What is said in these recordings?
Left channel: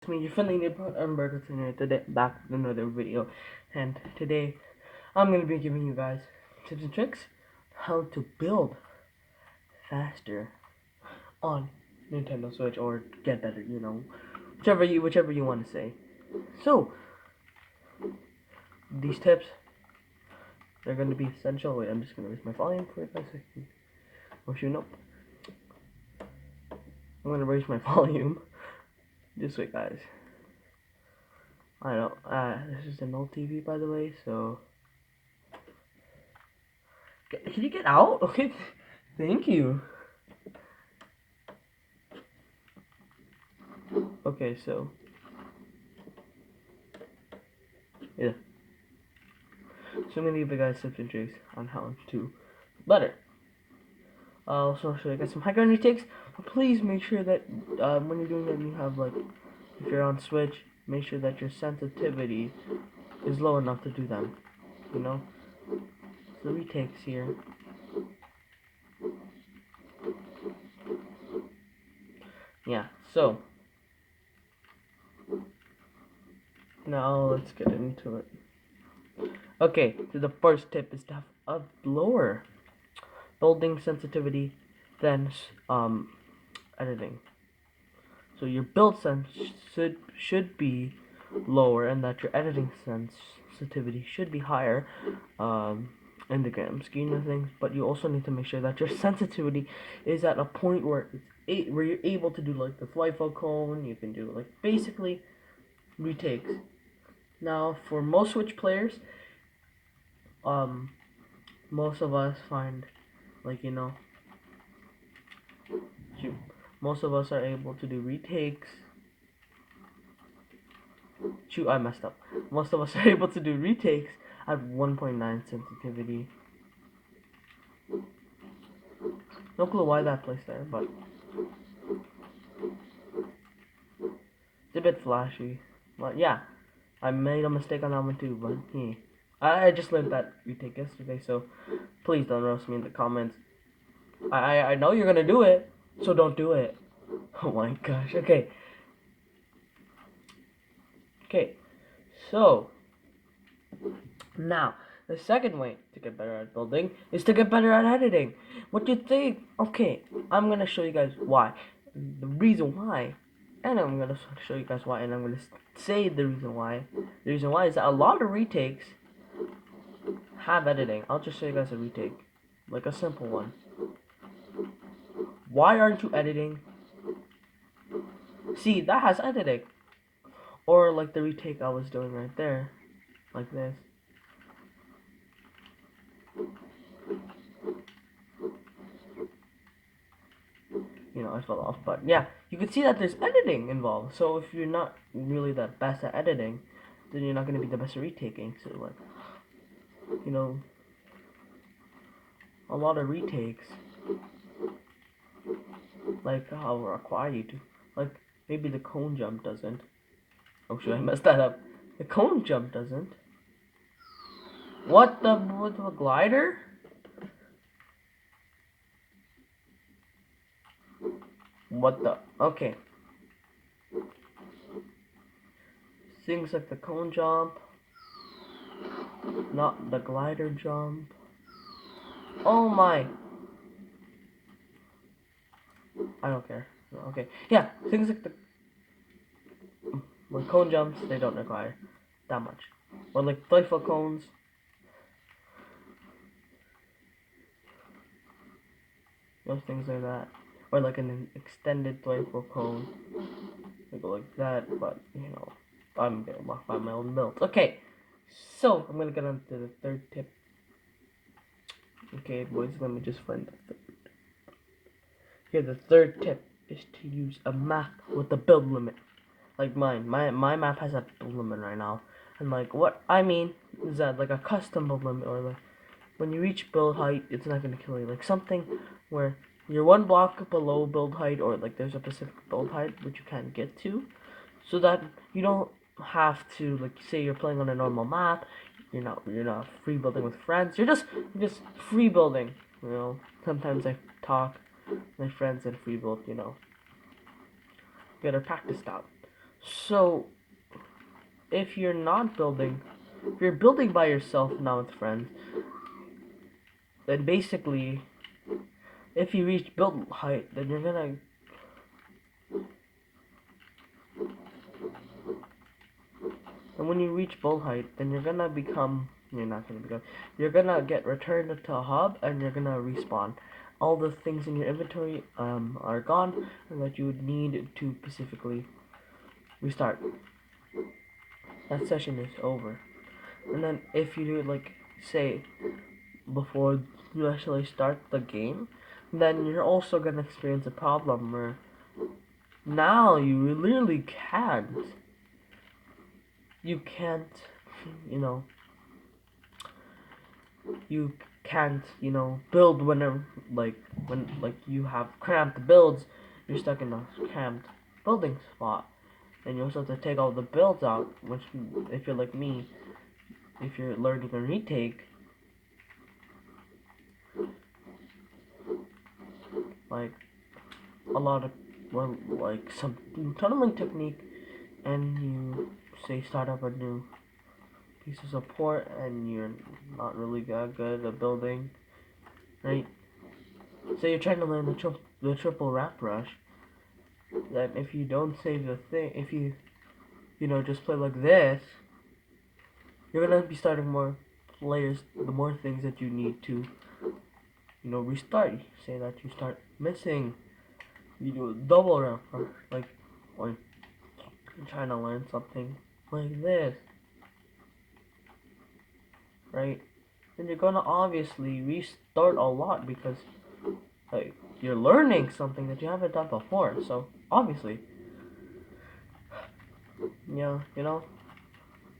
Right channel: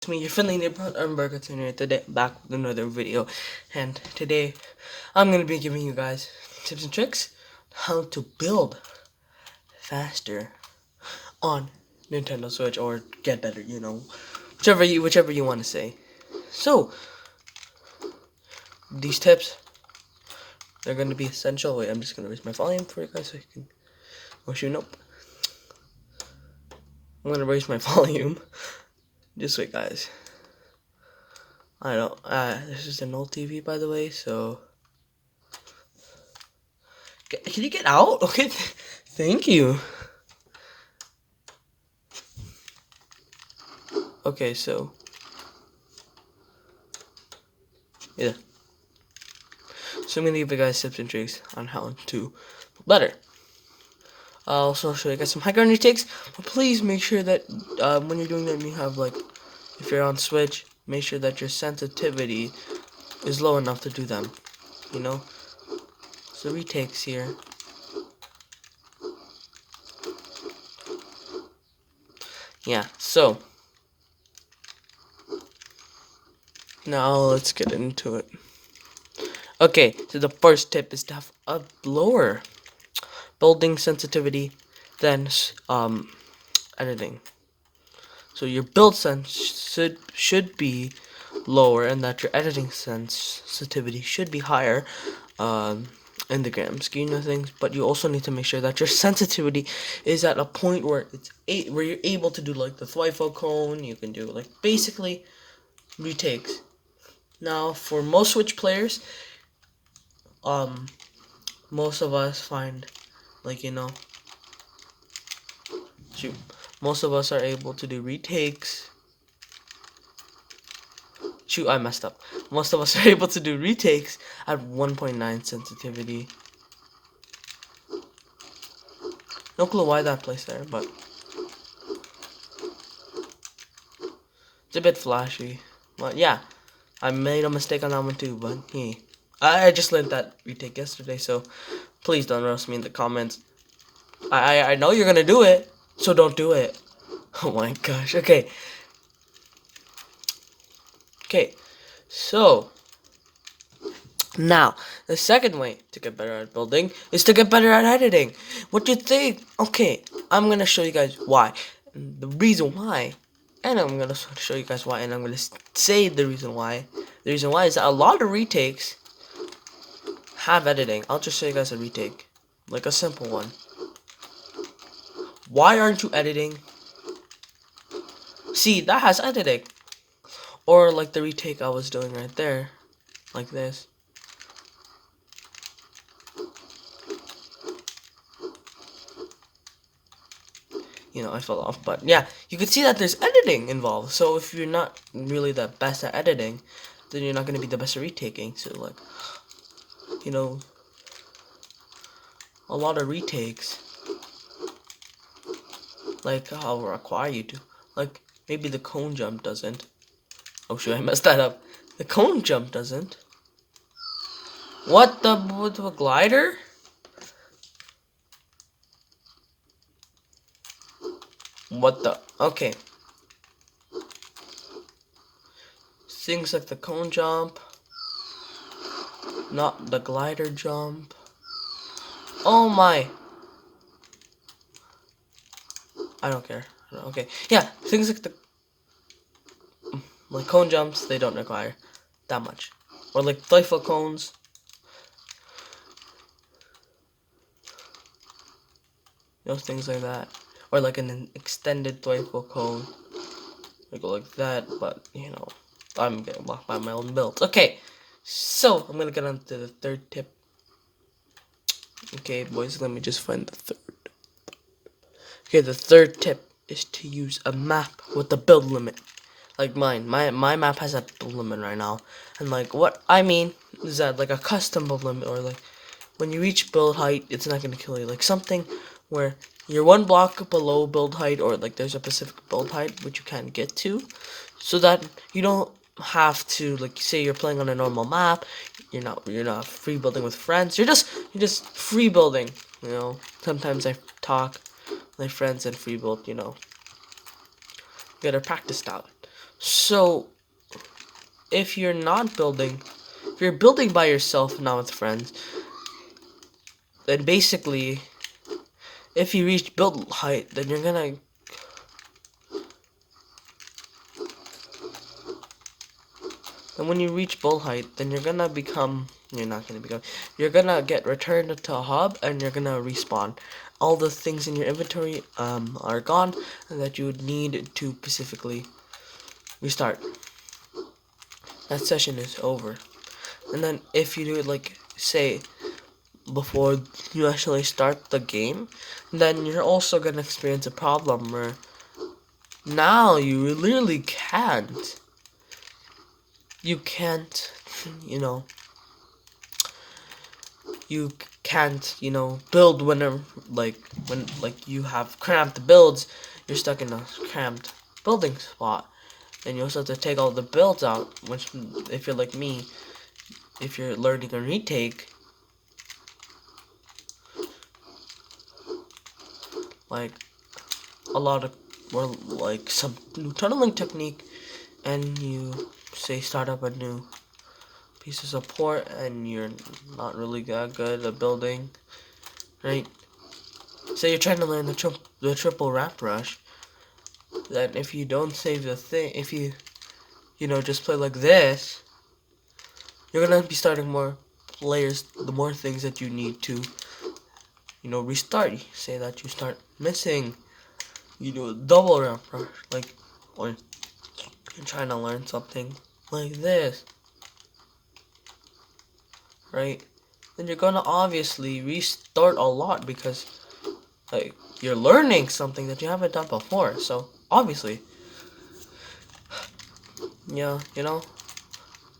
It's me, your friendly neighborhood Burger Tuner, today back with another video. And today I'm gonna be giving you guys tips and tricks how to build faster on Nintendo Switch or get better, whichever you want to say. So these tips, they're gonna be essential. Wait, I'm just gonna raise my volume for you guys so you can nope. I'm gonna raise my volume. Just wait, guys. I don't this is an old TV, by the way, so can you get out? Okay, thank you. Okay, so yeah. So I'm gonna give you guys tips and tricks on how to better. I'll also show you guys some high ground retakes, but please make sure that when you're doing them, you have if you're on Switch, make sure that your sensitivity is low enough to do them. You know. So retakes here. Yeah. So now let's get into it. Okay. So the first tip is to have a lower building sensitivity than editing. So your build sense should be lower, and that your editing sensitivity should be higher in the grand scheme of things. But you also need to make sure that your sensitivity is at a point where where you're able to do like the Thwifo cone. You can do like basically retakes. Now for most Switch players, most of us find most of us are able to do retakes. Shoot, I messed up. Most of us are able to do retakes at 1.9 sensitivity. No clue why that placed there, but it's a bit flashy. But yeah, I made a mistake on that one too, but hey. I just learned that retake yesterday, so please don't roast me in the comments. I know you're gonna do it, so don't do it. Oh my gosh, okay. Okay, so now, the second way to get better at building is to get better at editing. What do you think? Okay, I'm gonna show you guys why. The reason why, and I'm gonna show you guys why, and I'm gonna say the reason why. The reason why is that a lot of retakes have editing. I'll just show you guys a retake, like a simple one. Why aren't you editing? See, that has editing. Or like the retake I was doing right there, like this. I fell off, but yeah, you can see that there's editing involved. So if you're not really the best at editing, then you're not going to be the best at retaking. So a lot of retakes, I'll require you to, maybe the cone jump doesn't. Oh shoot, I messed that up. The cone jump doesn't. What with the glider? What the? Okay. Things like the cone jump, not the glider jump. Oh my. I don't care. Okay. Yeah, things like cone jumps, they don't require that much. Or like Thwifo cones. Things like that. Or like an extended Thwifo cone. I go like that, but I'm getting blocked by my own build. Okay, so I'm gonna get on to the third tip. Okay, boys, let me just find the third. Okay, the third tip is to use a map with a build limit. Like mine. My map has a build limit right now. And what I mean is that a custom build limit, or when you reach build height, it's not gonna kill you. Like something where you're one block below build height, or there's a specific build height which you can't get to, so that you don't have to say you're playing on a normal map, you're not free building with friends, you're just free building. Sometimes I talk with my friends and free build. Gotta practice that. So if you're not building, if you're building by yourself, not with friends, then basically, if you reach build height, then you're gonna and when you reach build height, then you're gonna become. You're not gonna become. You're gonna get returned to a hub, and you're gonna respawn. All the things in your inventory are gone, and that you would need to specifically restart. That session is over. And then if you do it like say before you actually start the game, then you're also gonna experience a problem where now you literally can't. You can't, you know, you can't, build whenever, when you have cramped builds, you're stuck in a cramped building spot. And you also have to take all the builds out, which, if you're like me, if you're learning a retake, like, a lot of, well, like, some new tunneling technique, and you, say, start up a new piece of support, and you're not really that good at building, right? Say you're trying to learn the triple wrap rush, then if you don't save the thing, if you, just play like this, you're gonna be starting more layers, the more things that you need to, restart. Say that you start missing, you do a double wrap rush, like, or you're trying to learn something like this, right? Then you're gonna obviously restart a lot because, like, you're learning something that you haven't done before. So obviously, yeah, And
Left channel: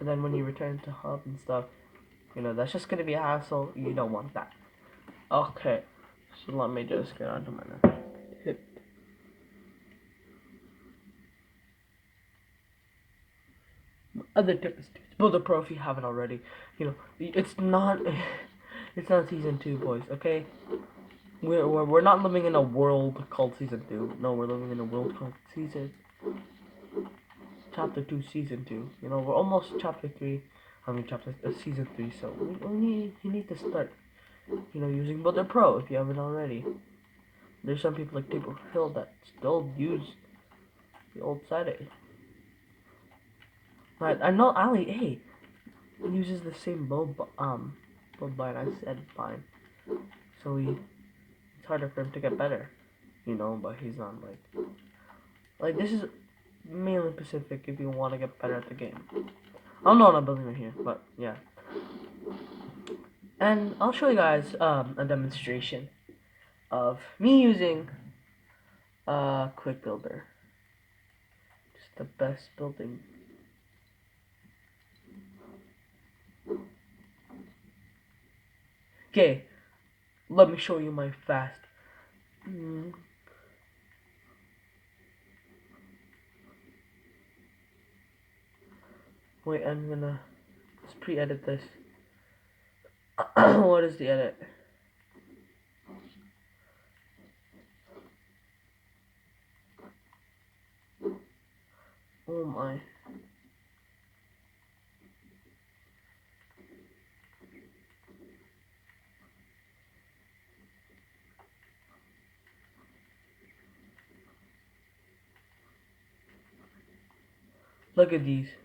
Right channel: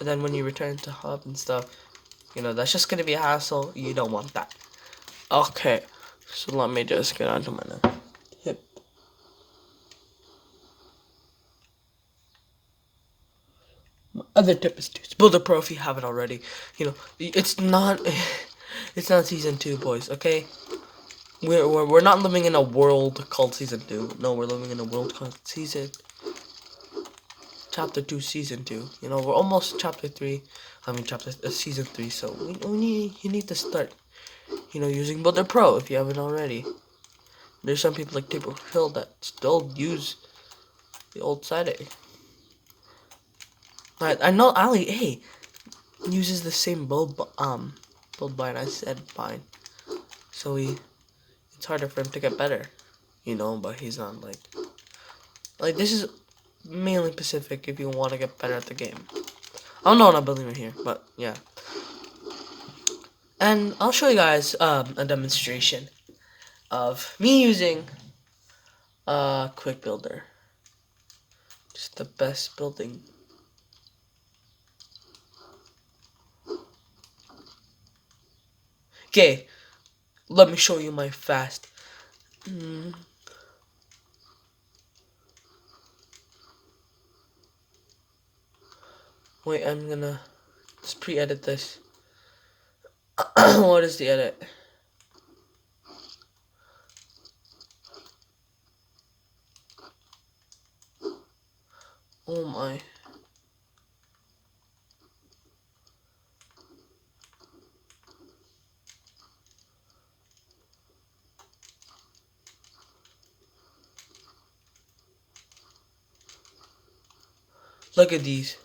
then when you return to hub and stuff, that's just gonna be a hassle. You don't want that. Okay, so let me just get onto my tip. My other tip is to build a pro if you haven't already. It's not, it's not season 2, boys. Okay, we're not living in a world called season 2. No, we're living in a world called chapter 2, season 2. We're almost chapter 3. I mean, season 3. So you need to start, using Builder Pro if you haven't already. There's some people like Table Hill that still use the old setting. I know Ali A uses the same build bind I said bind. So it's harder for him to get better, but he's not like this is mainly Pacific if you want to get better at the game. I don't know what I'm building right here, but yeah. And I'll show you guys a demonstration of me using Quick Builder. Just the best building. Okay, let me show you my fast. Wait, I'm gonna just pre-edit this. What is the edit? Oh my. Look at these.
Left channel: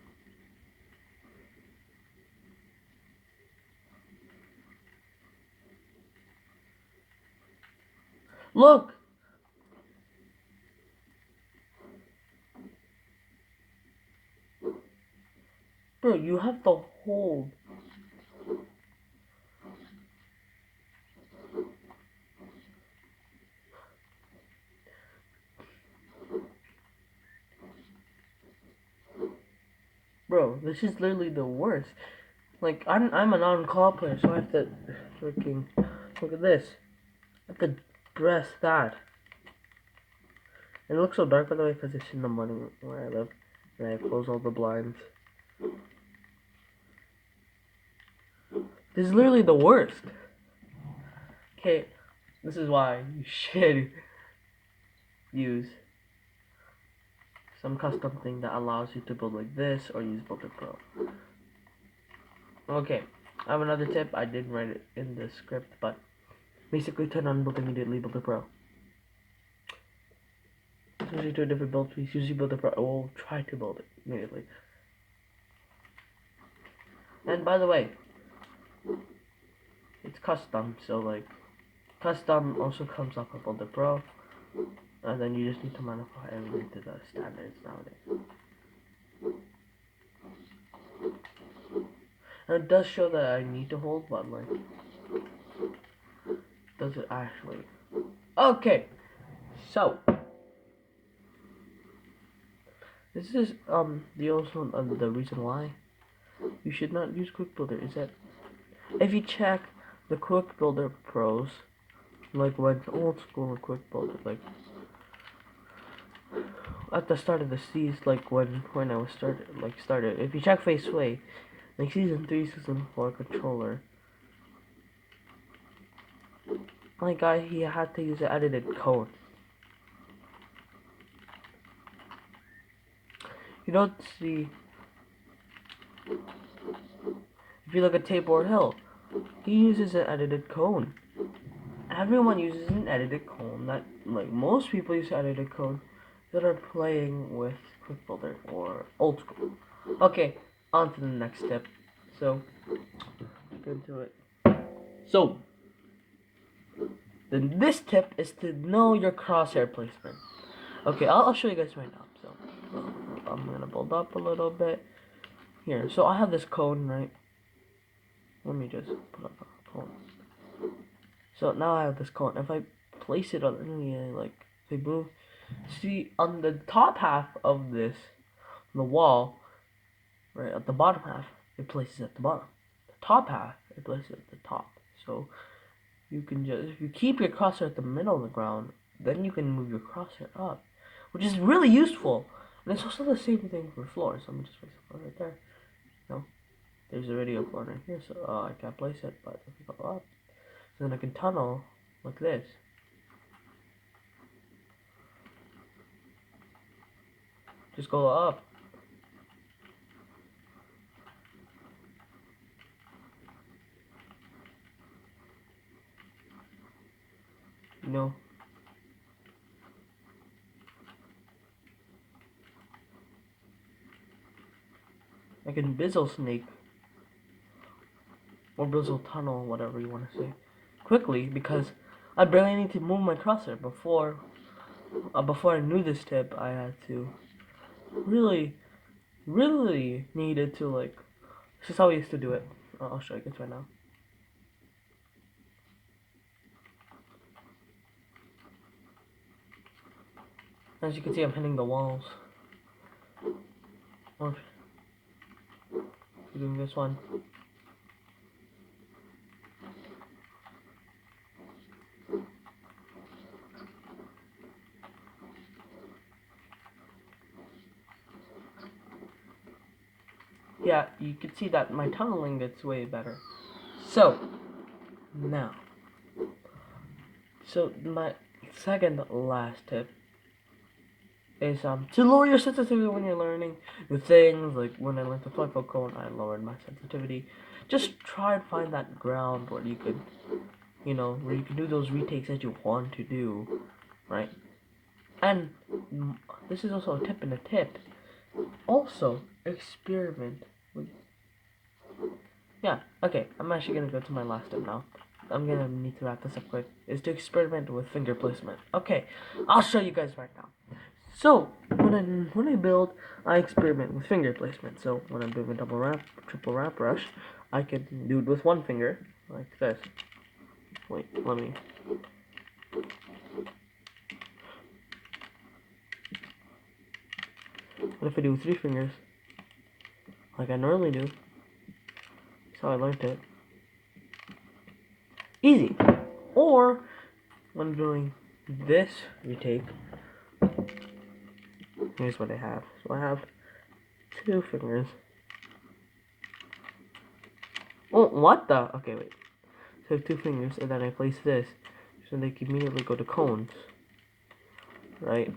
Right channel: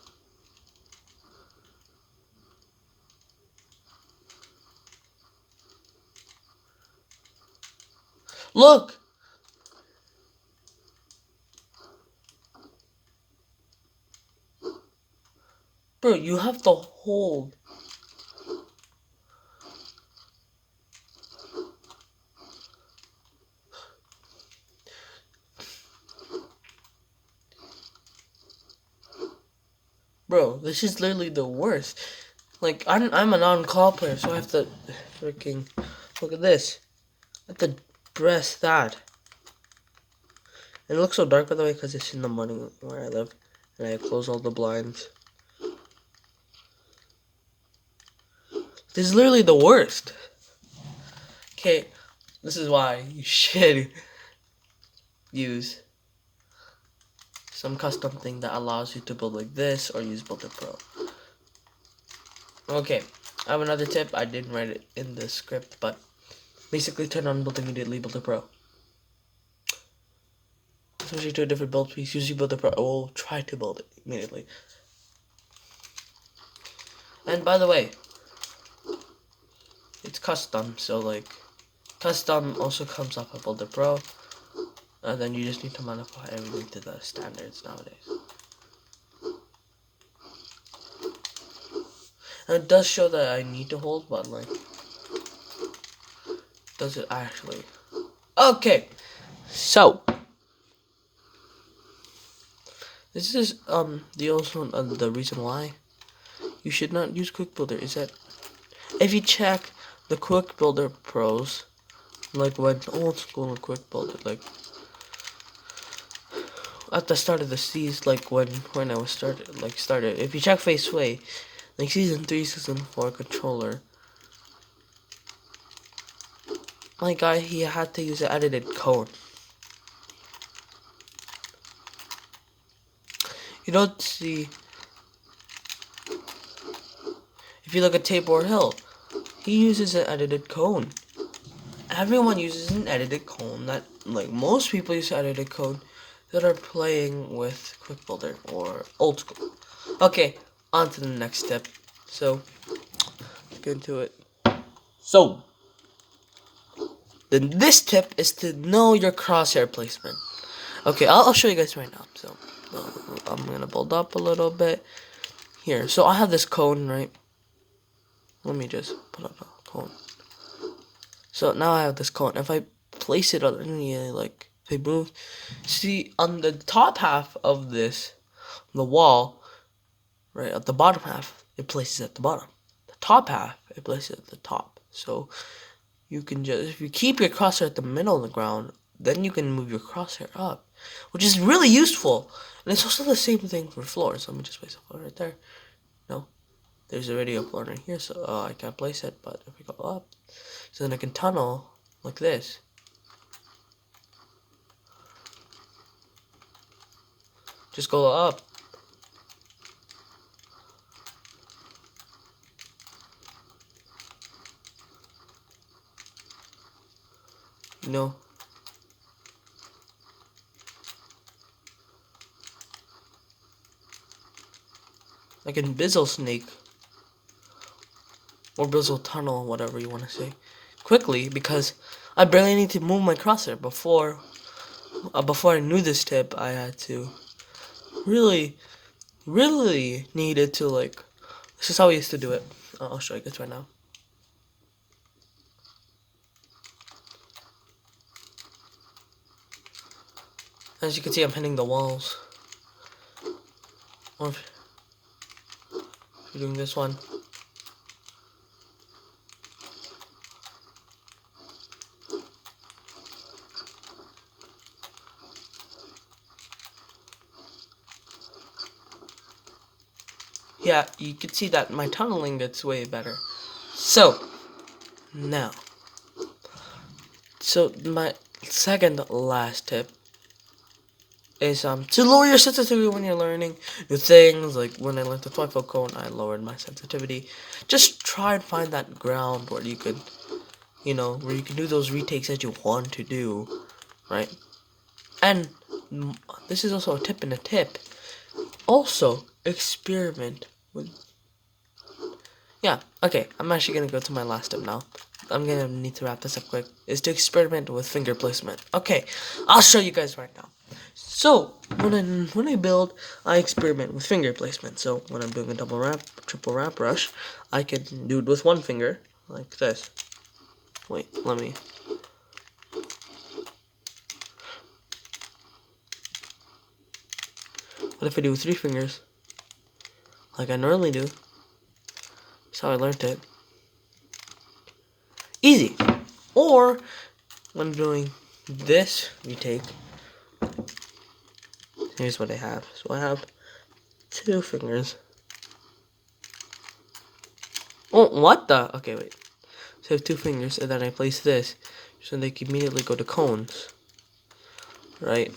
Look! Bro, you have to hold. Bro, this is literally the worst. Like, I'm a non-call player, so I have to freaking... Look at this. I have to press that. And it looks so dark, by the way, because it's in the morning where I live. And I close all the blinds. This is literally the worst. Okay, this is why you should use some custom thing that allows you to build like this or use Builder Pro. Okay, I have another tip. I didn't write it in the script, but basically turn on build immediately Builder Pro. Switching to a different build piece, usually Builder Pro. I will try to build it immediately. And by the way, it's custom, so like custom also comes up with Builder Pro, and then you just need to modify everything to the standards nowadays. And it does show that I need to hold, but like, does it actually? Okay, so this is the reason why you should not use Quick Builder is that if you check the Quick Builder pros, like when old school Quick Builder, like at the start of the season, like when I was started, if you check Faceway, like season 3, season 4 controller, my guy, he had to use an edited code. You don't see, if you look at Tabor Hill, he uses an edited cone. Everyone uses an edited cone. That, like, most people use edited code that are playing with Quick Builder or old school. Okay, on to the next step. So, let's get into it. So, then this tip is to know your crosshair placement. Okay, I'll show you guys right now. So, I'm gonna build up a little bit here. So I have this cone, right? Let me just put up a cone. So now I have this cone. If I place it on any, like, if I move, see on the top half of this, the wall, right at the bottom half, it places at the bottom. The top half, it places at the top. So you can just, if you keep your crosshair at the middle of the ground, then you can move your crosshair up, which is really useful. And it's also the same thing for floors. Let me just place a floor right there. No, there's already a floor right here, so I can't place it. But if we go up, so then I can tunnel like this. Just go up. You know. I can Bizzle Snake. Or Bizzle Tunnel, whatever you want to say. Quickly, because I barely need to move my crosshair. Before I knew this tip, I had to really needed to, like, this is how I used to do it. I'll show you guys right now. As you can see, I'm hitting the walls. Or if you're doing this one. Yeah, you can see that my tunneling gets way better. So, now. So, my second last tip is to lower your sensitivity when you're learning new things. Like when I learned the Twyfell cone, I lowered my sensitivity. Just try and find that ground where you could, where you can do those retakes that you want to do, right? And this is also a tip in a tip. Also, experiment with. Yeah, okay, I'm actually gonna go to my last tip now. I'm gonna need to wrap this up quick. Is to experiment with finger placement. Okay, I'll show you guys right now. So when I build, I experiment with finger placement. So when I'm doing a double wrap, triple wrap brush, I can do it with one finger like this. Wait, let me. What if I do 3 fingers, like I normally do? That's how I learned it. Easy. Or when I'm doing this retake, here's what I have. So I have 2 fingers. Oh, what the? Okay, wait. So I have 2 fingers, and then I place this, so they can immediately go to cones. Right?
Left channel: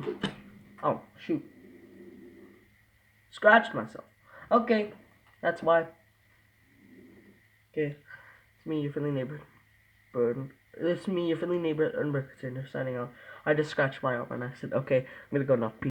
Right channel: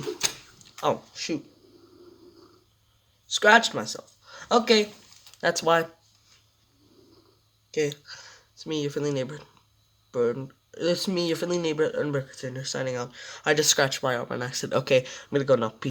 Oh, shoot. scratched myself. Okay, that's why. Okay, it's me, your friendly neighbor, Bird. It's me, your friendly neighbor, Ernberg, signing out. I just scratched my arm on accident. Okay, I'm gonna go now. Peace.